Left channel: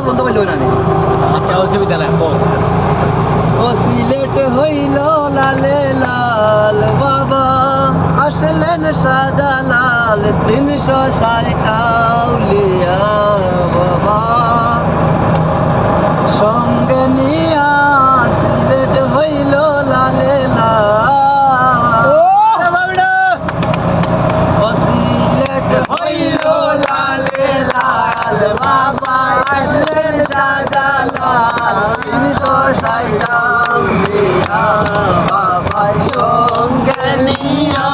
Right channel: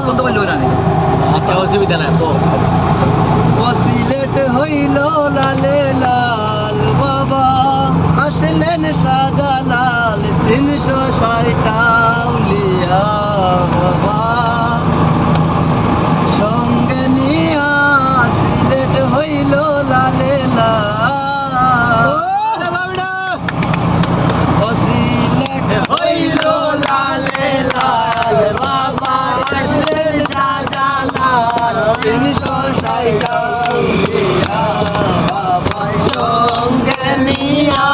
আজ বন্ধ করলে না আচ্ছা অসুবিধা নাই ও সিলেট হইল লালে লাল বাবা আসলেন শাহজালাল 360 আউলিয়া বাবা সঙ্গে নিয়া সিলেট হইল লালে লাল ও সিলেট হইল লালে লাল বাবা আসলেন শাহজালাল 360 আউলিয়া বাবা সঙ্গে নিয়া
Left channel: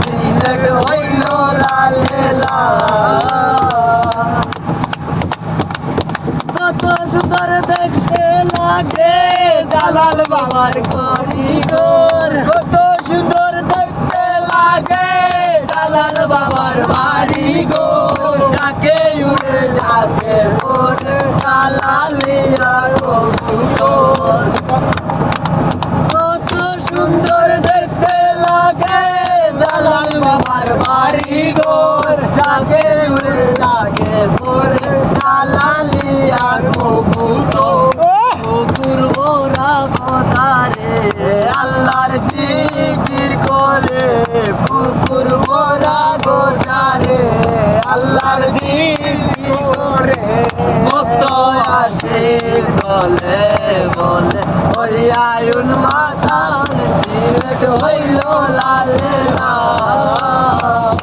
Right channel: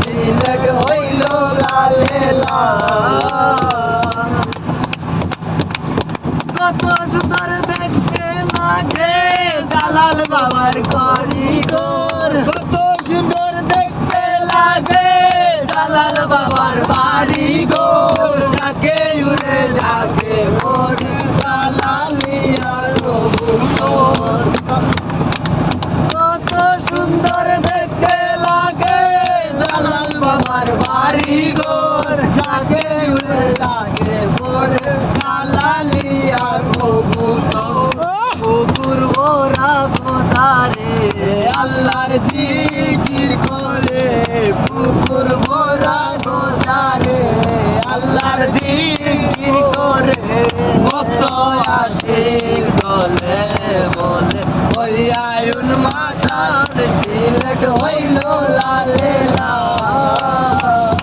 সিলেট হইল লালে লাল কত সুন্দর দেখতে লাগে জালাল বাবার কারিগর কত সুন্দর দেখতে লাগে জালাল বাবার বাড়িঘর যাকে উড়ে যাকে পড়ে জালালিয়া কবুতর কত সুন্দর দেখতে লাগে জালাল বাবার বাড়িঘর যাকে উড়ে যাকে পড়ে জালালিয়া কবুতর কুকুর মোরা কোথারে আল্লাহর জিকির করে কুকুর মোরা গোজারে আল্লাহর জিকির করে ভক্ত আশিক বলে বলে ওই আয়ুন মাতাল সিলেট হইল লালে লাল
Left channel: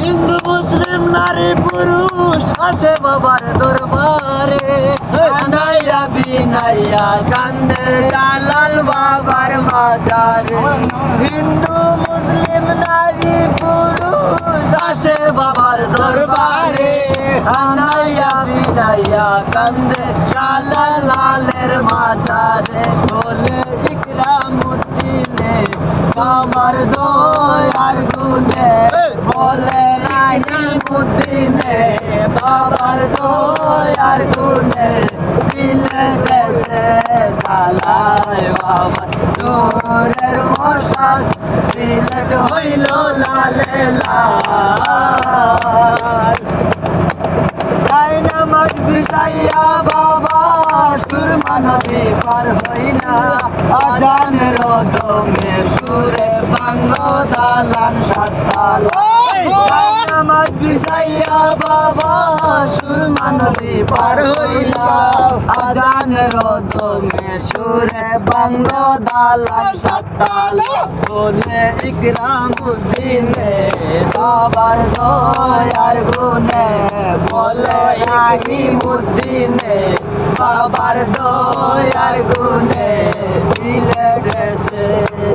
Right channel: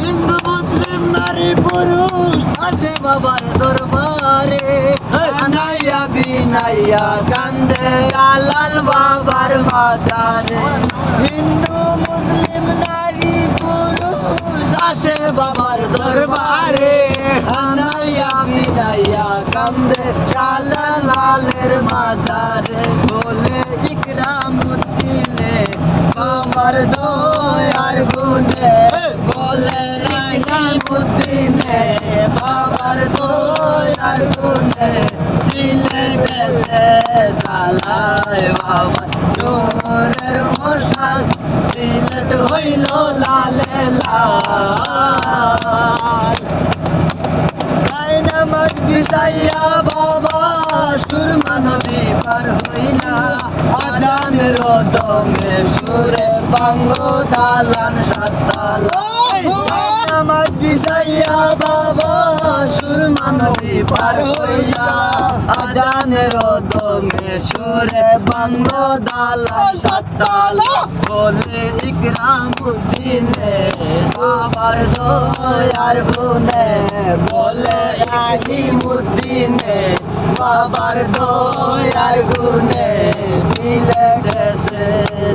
হিন্দু মুসলিম নারী পুরুষ আসে বাবার দরবারে আনাইয়া বিনাইয়া কান্দে জালাল বাবার মাজারে হিন্দু মুসলিম নারী পুরুষ আসে বাবার দরবারে আনাইয়া বিনাইয়া কান্দে জালালের মাজারে বলে ইকরামুদ্দিনে বাবার দয়ার গুণে বলে ইকরামুদ্দিনে বাবার দয়ার গুণে সিলেট এসে দালায় বাবা নূরের মশাল সিলেট হইল লালে লাল নামাজ বিছাইয়া বাবা সুরমা নদী পার হইলা আজানের দমে সুরে বাংলো দালান সাততালা নামাজ বিছাইয়া বাবা সুরমা নদী পার হইলা আজানের দমে সুরে বাংলো দালান সাততালা বলে ইকরামুদ্দিনে বাবার দয়ার গুণে বলে ইকরামুদ্দিনে বাবার দয়ার গুণে সিলেট এসে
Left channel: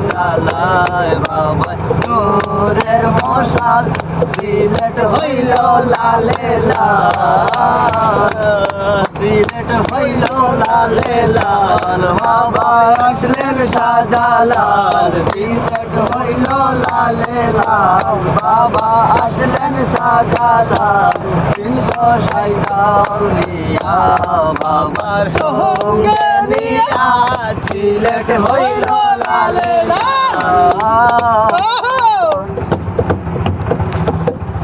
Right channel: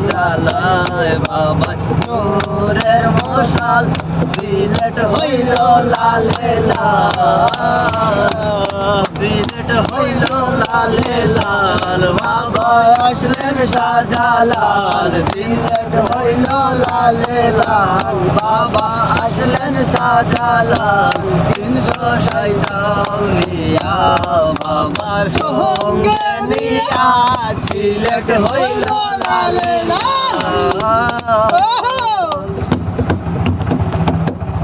জালায় বাবা নূরের মশাল সিলেট হইল লালে লাল সিলেট হইল লালে লাল বাবা আসলেন শাহজালাল সিলেট হইল লালে লাল বাবা আসলেন শাহজালাল 360 আউলিয়া বাবার সঙ্গে নিয়া সিলেট হইল